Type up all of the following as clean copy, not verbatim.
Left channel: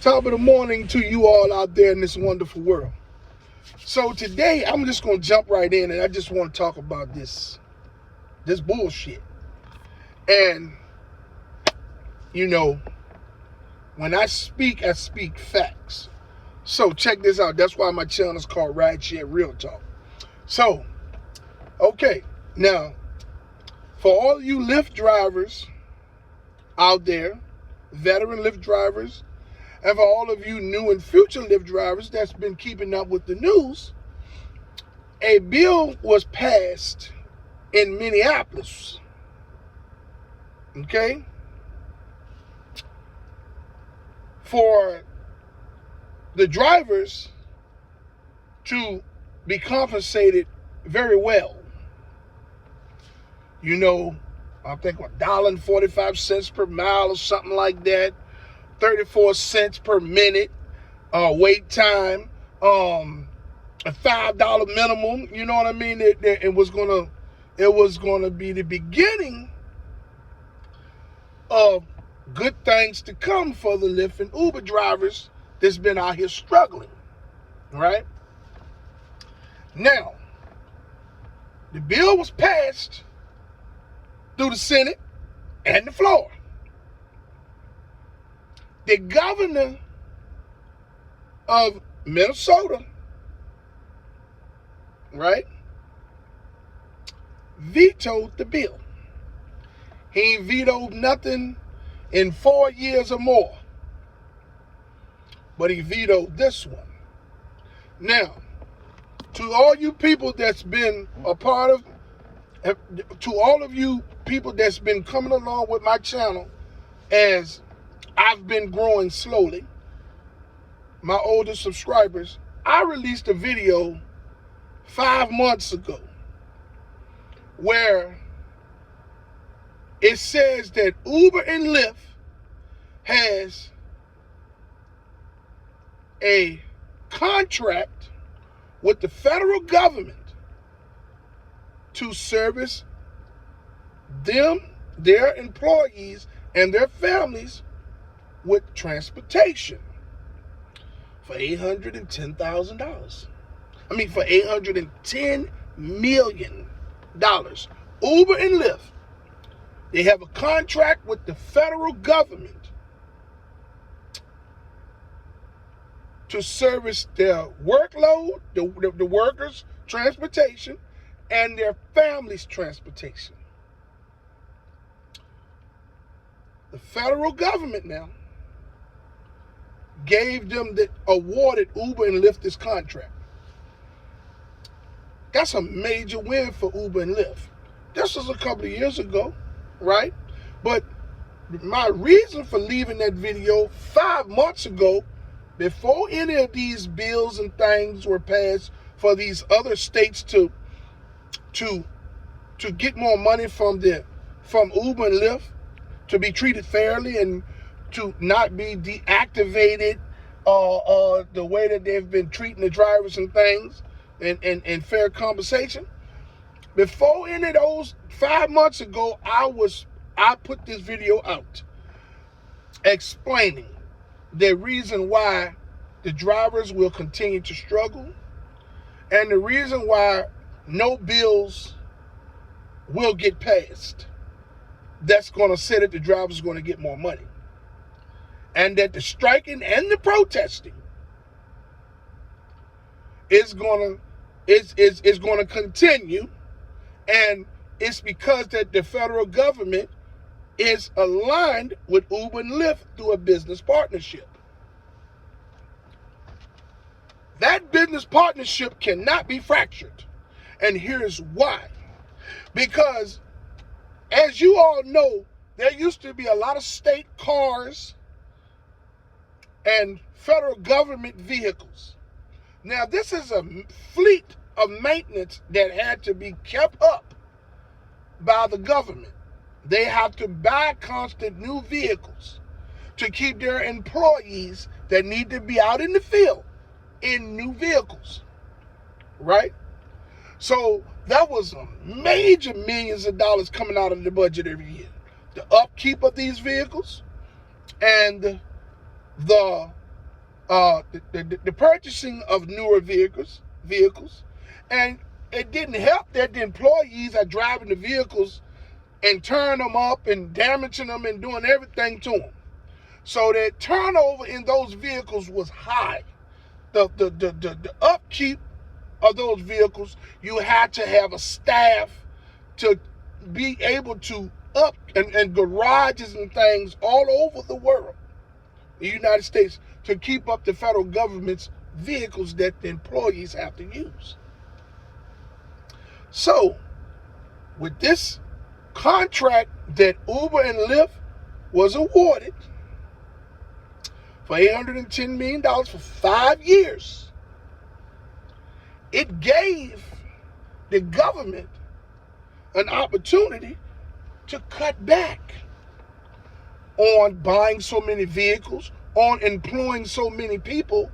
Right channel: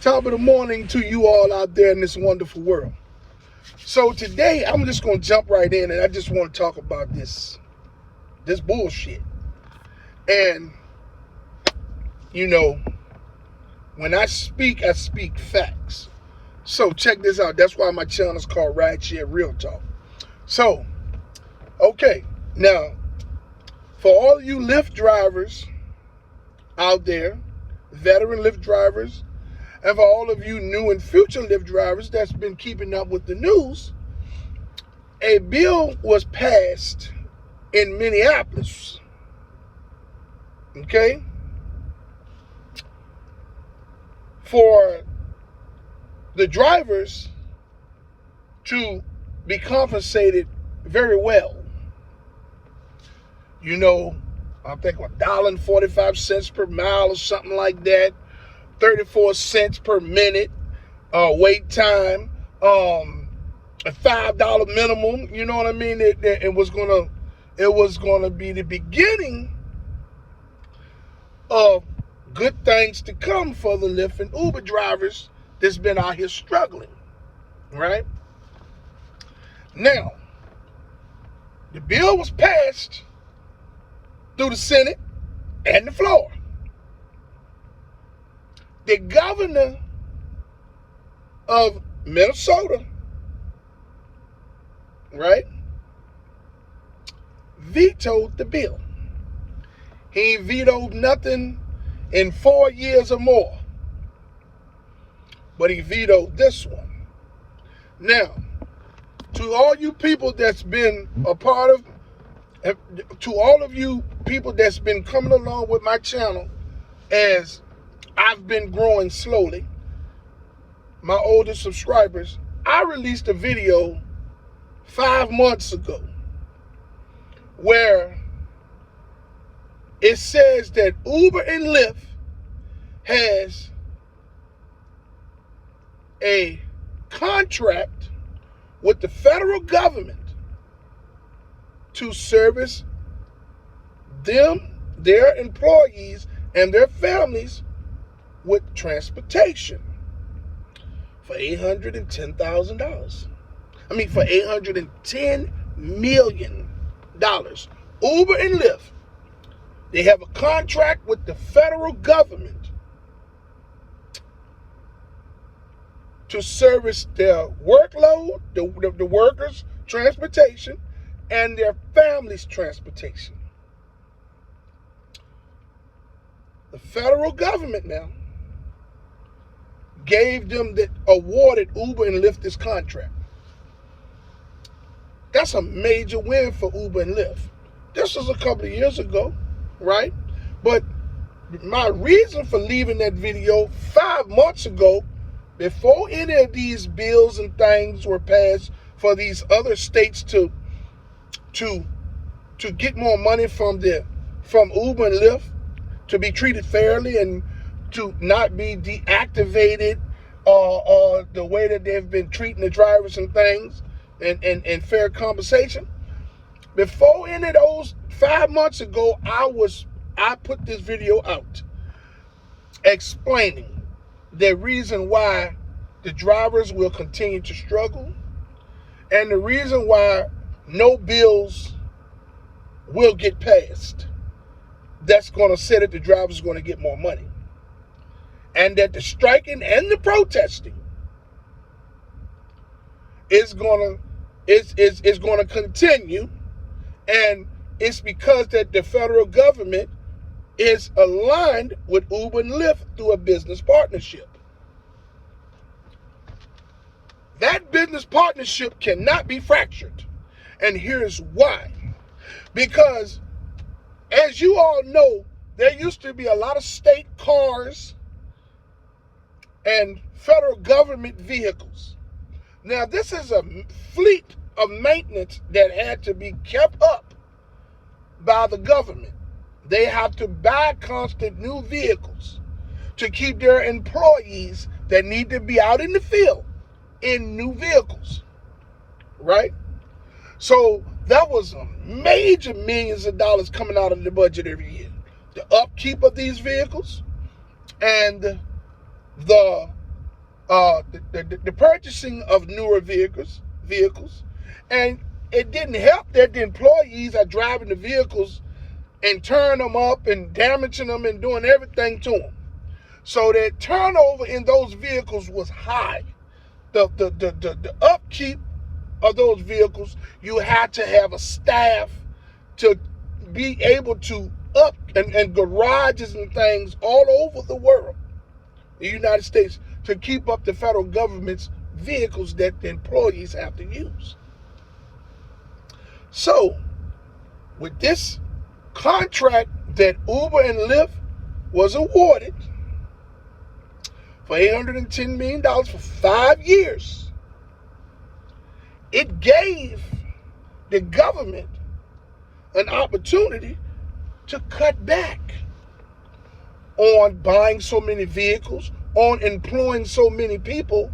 Top of the morning to you all out there in this wonderful world. So today I'm just gonna jump right in, and I just want to talk about this bullshit. And when I speak facts. So check this out. That's why my channel is called Rideshare RealTalk. So, okay, now for all you Lyft drivers out there, veteran Lyft drivers, and for all of you new and future Lyft drivers that's been keeping up with the news, a bill was passed in Minneapolis, okay, for the drivers to be compensated very well. I think $1.45 per mile or something like that. 34 cents per minute, wait time, a $5 minimum. You know what I mean? It was gonna be the beginning of good things to come for the Lyft and Uber drivers that's been out here struggling, right? Now, the bill was passed through the Senate and the floor. The governor of Minnesota, right, vetoed the bill. He vetoed nothing in 4 years or more, but he vetoed this one. Now, to all you people that's been a part of, to all of you people that's been coming along with my channel as I've been growing slowly, my oldest subscribers, I released a video 5 months ago where it says that Uber and Lyft has a contract with the federal government to service them, their employees, and their families with transportation for $810,000. I mean, for $810 million. Uber and Lyft, they have a contract with the federal government to service their workload, the workers' transportation, and their families' transportation. The federal government now awarded Uber and Lyft this contract. That's a major win for Uber and Lyft. This was a couple of years ago, right? But my reason for leaving that video 5 months ago, before any of these bills and things were passed for these other states to get more money from Uber and Lyft, to be treated fairly and to not be deactivated the way that they've been treating the drivers and things, and fair compensation. Before any of those, 5 months ago, I put this video out explaining the reason why the drivers will continue to struggle and the reason why no bills will get passed that's going to say that the drivers are going to get more money, and that the striking and the protesting is going to continue, and it's because that the federal government is aligned with Uber and Lyft through a business partnership. That business partnership cannot be fractured, and here's why. Because, as you all know, there used to be a lot of state cars and federal government vehicles. Now, this is a fleet of maintenance that had to be kept up by the government. They have to buy constant new vehicles to keep their employees that need to be out in the field in new vehicles, right? So that was major millions of dollars coming out of the budget every year. The upkeep of these vehicles and the the purchasing of newer vehicles, and it didn't help that the employees are driving the vehicles and tearing them up and damaging them and doing everything to them. So that turnover in those vehicles was high. The upkeep of those vehicles, you had to have a staff to be able to up and garages and things all over the world, the United States, to keep up the federal government's vehicles that the employees have to use. So, with this contract that Uber and Lyft was awarded for $810 million for 5 years, it gave the government an opportunity to cut back on buying so many vehicles, on employing so many people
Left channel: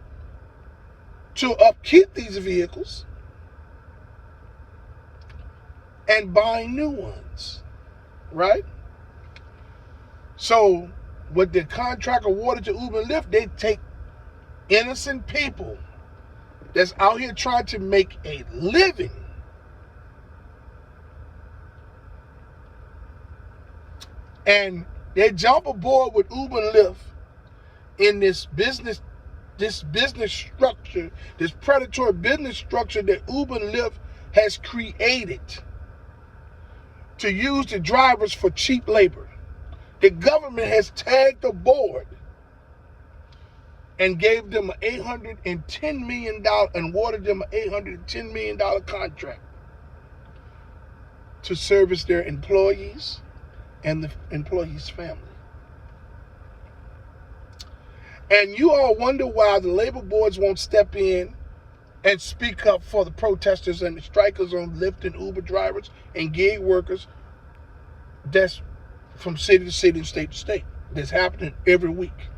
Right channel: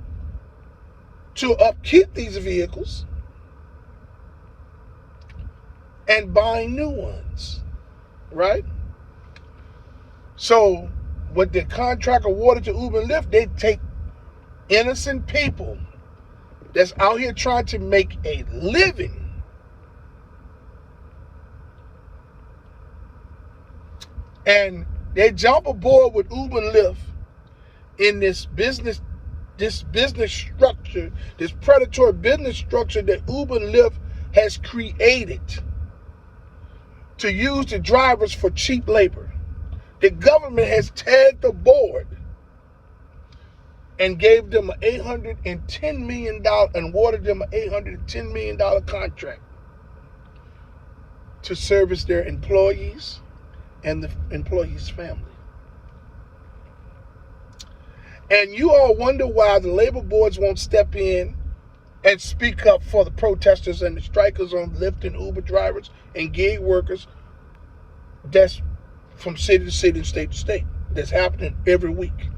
to upkeep these vehicles, and buying new ones, right? So, with the contract awarded to Uber and Lyft, they take innocent people that's out here trying to make a living and they jump aboard with Uber and Lyft in this business structure, this predatory business structure that Uber and Lyft has created to use the drivers for cheap labor. The government has tagged aboard and gave them an $810 million and awarded them an $810 million contract to service their employees and the employees' family. And you all wonder why the labor boards won't step in and speak up for the protesters and the strikers on Lyft and Uber drivers and gig workers that's from city to city and state to state. That's happening every week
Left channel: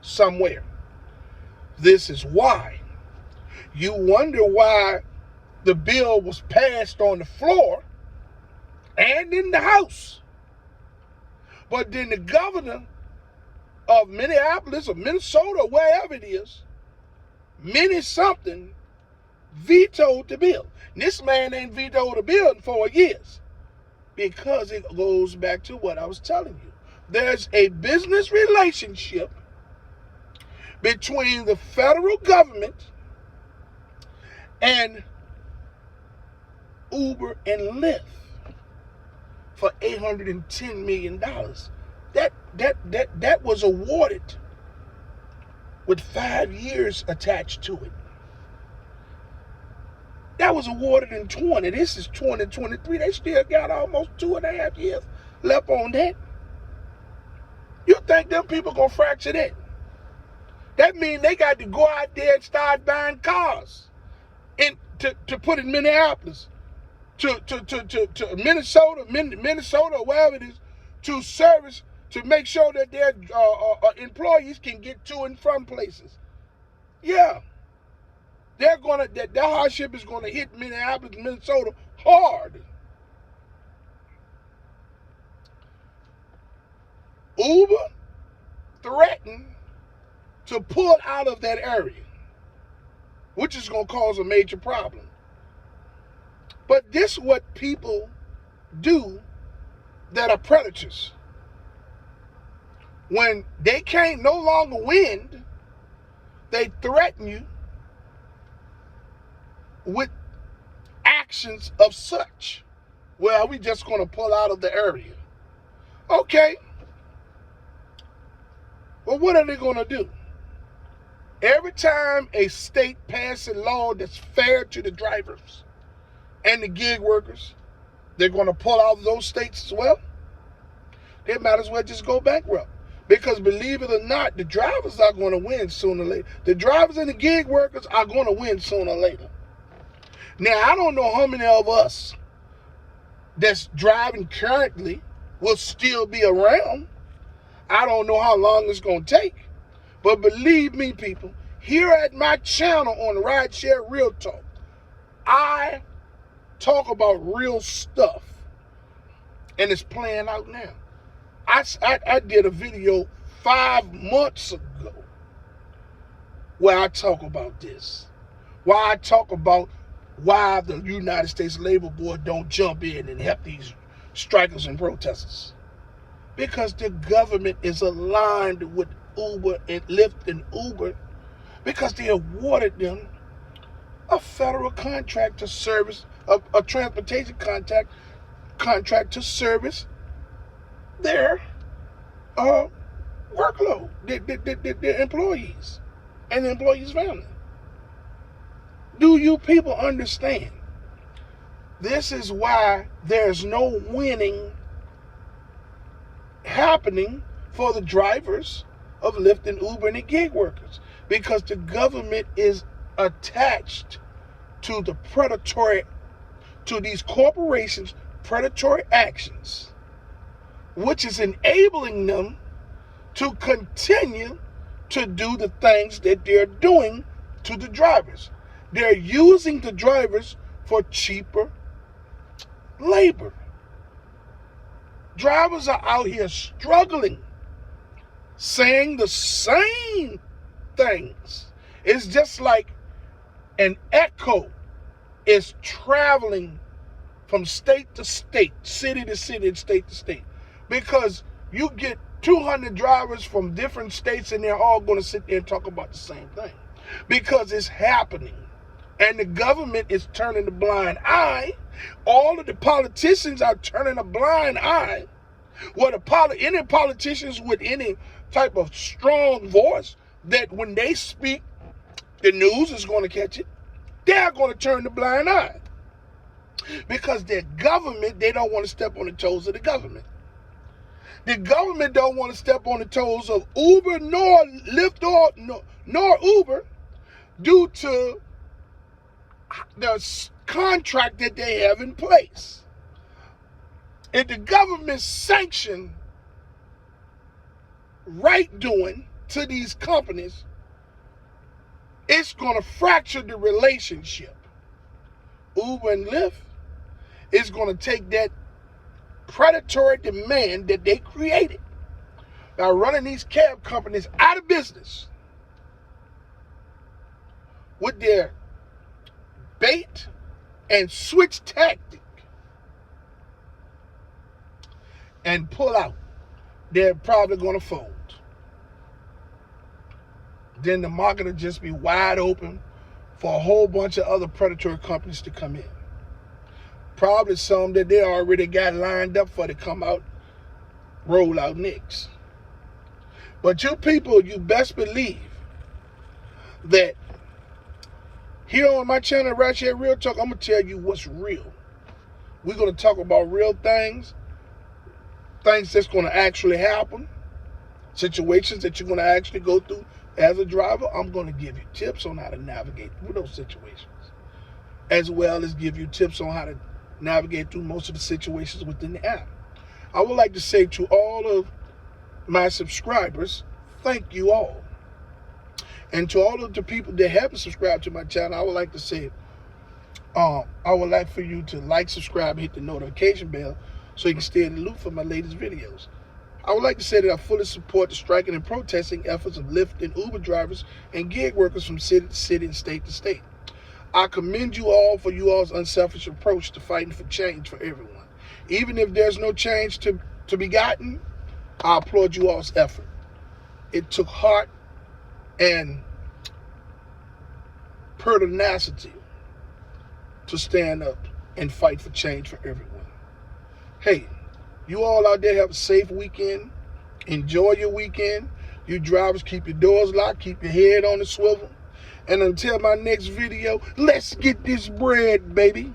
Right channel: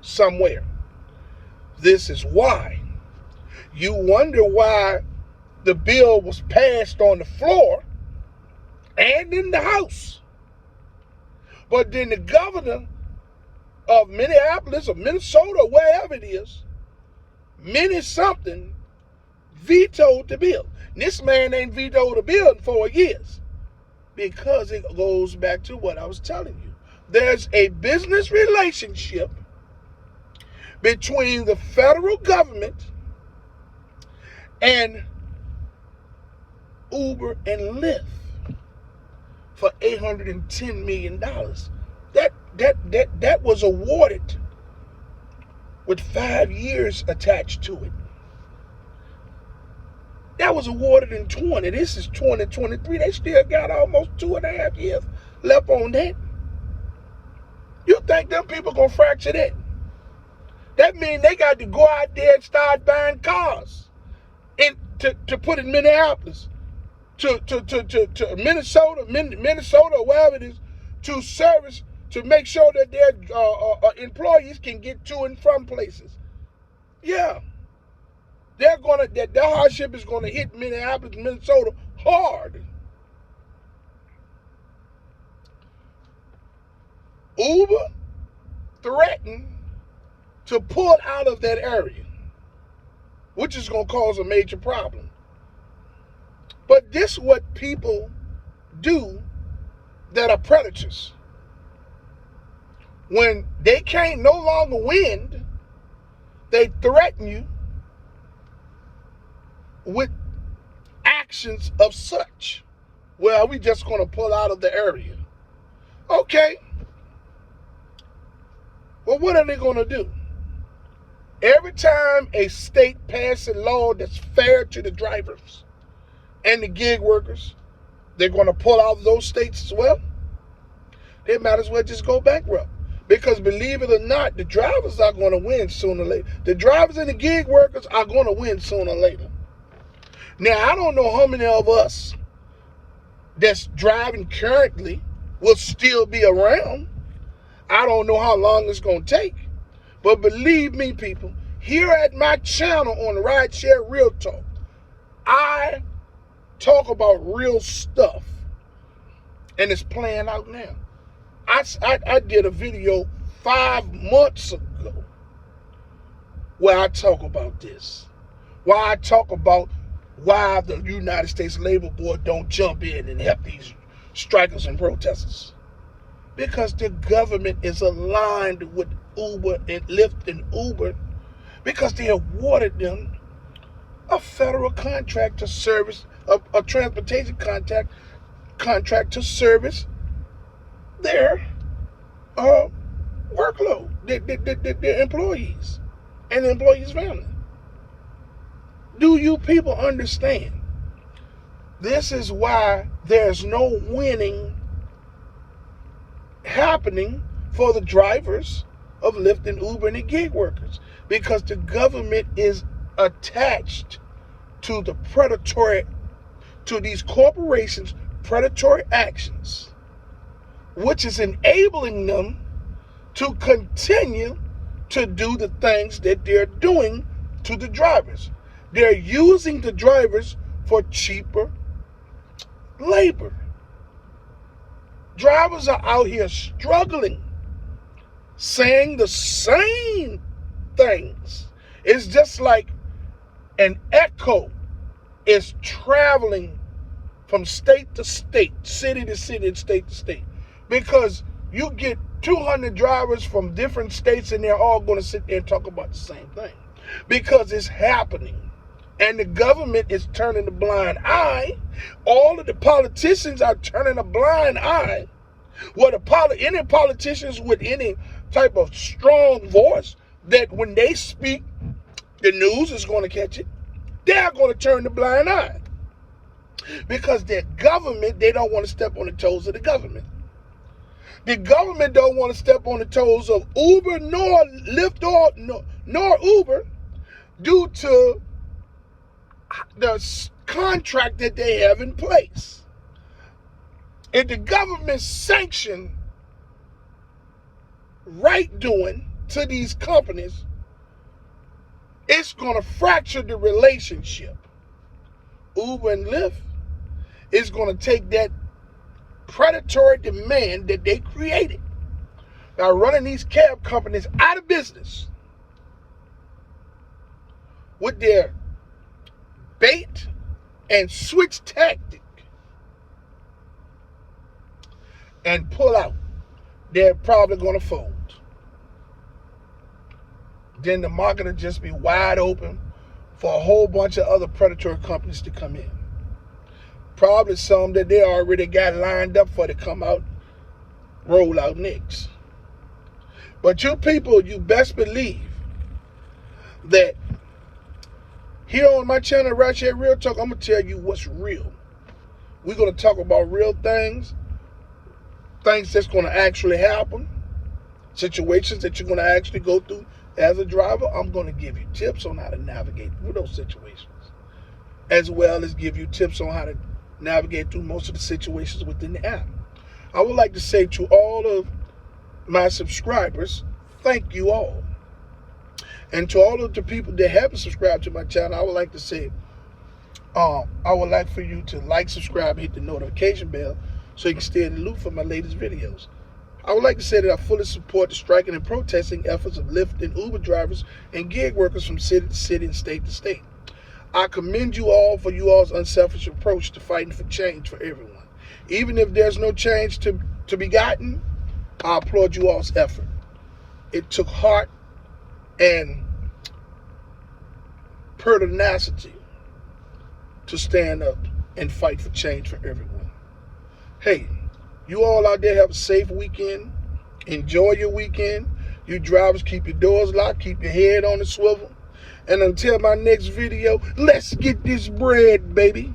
somewhere. This is why. You wonder why the bill was passed on the floor and in the House. But then the governor of Minneapolis or Minnesota, or wherever it is, something, vetoed the bill. This man ain't vetoed a bill in 4 years because it goes back to what I was telling you. There's a business relationship between the federal government and Uber and Lyft for $810 million. That was awarded with 5 years attached to it. That was awarded in 20. This is 2023. They still got almost 2.5 years left on that. You think them people gonna fracture that? That means they got to go out there and start buying cars to put in Minneapolis, to Minnesota, or wherever it is, to service, to make sure that their employees can get to and from places. Yeah. That hardship is gonna hit Minneapolis, Minnesota hard. Uber threatened to pull out of that area, which is gonna cause a major problem. But this is what people do that are predators. When they can't no longer win, they threaten you with actions of such. Well, we just going to pull out of the area. Okay. Well, what are they going to do? Every time a state passes a law that's fair to the drivers and the gig workers, they're going to pull out of those states as well. They might as well just go bankrupt. Because believe it or not, the drivers are going to win sooner or later. The drivers and the gig workers are going to win sooner or later. Now, I don't know how many of us that's driving currently will still be around. I don't know how long it's going to take. But believe me, people, here at my channel on Rideshare RealTalk, I talk about real stuff. And it's playing out now. I did a video 5 months ago where I talk about this. Why I talk about why the United States Labor Board don't jump in and help these strikers and protesters. Because the government is aligned with Uber and Lyft and Uber because they awarded them a federal contract to service, a transportation contract to service their workload, their employees and the employees' family. Do you people understand? This is why there's no winning happening for the drivers of Lyft and Uber and the gig workers, because the government is attached to the predatory, to these corporations' predatory actions, which is enabling them to continue to do the things that they're doing to the drivers. They're using the drivers for cheaper labor. Drivers are out here struggling, saying the same things. It's just like an echo is traveling from state to state, city to city, and state to state. Because you get 200 drivers from different states and they're all going to sit there and talk about the same thing. Because it's happening. And the government is turning a blind eye. All of the politicians are turning a blind eye. Well, any politicians with any type of strong voice, that when they speak, the news is going to catch it. They're going to turn the blind eye. Because their government, they don't want to step on the toes of the government. The government don't want to step on the toes of Uber nor Lyft nor Uber due to the contract that they have in place. If the government sanction right doing to these companies, it's going to fracture the relationship. Uber and Lyft is going to take that predatory demand that they created by running these cab companies out of business with their bait and switch tactic and pull out. They're probably going to fold. Then the market will just be wide open for a whole bunch of other predatory companies to come in. Probably some that they already got lined up for to come out, roll out next. But you people, you best believe that here on my channel, Rideshare RealTalk, I'm going to tell you what's real. We're going to talk about real things, things that's going to actually happen, situations that you're going to actually go through as a driver. I'm going to give you tips on how to navigate through those situations, as well as give you tips on how to navigate through most of the situations within the app. I would like to say to all of my subscribers, thank you all. And to all of the people that haven't subscribed to my channel, I would like to say, I would like for you to like, subscribe, and hit the notification bell so you can stay in the loop for my latest videos. I would like to say that I fully support the striking and protesting efforts of Lyft and Uber drivers and gig workers from city to city and state to state. I commend you all for you all's unselfish approach to fighting for change for everyone. Even if there's no change to be gotten, I applaud you all's effort. It took heart and pertinacity to stand up and fight for change for everyone. Hey, you all out there have a safe weekend. Enjoy your weekend. You drivers, keep your doors locked, keep your head on the swivel. And until my next video, let's get this bread, baby.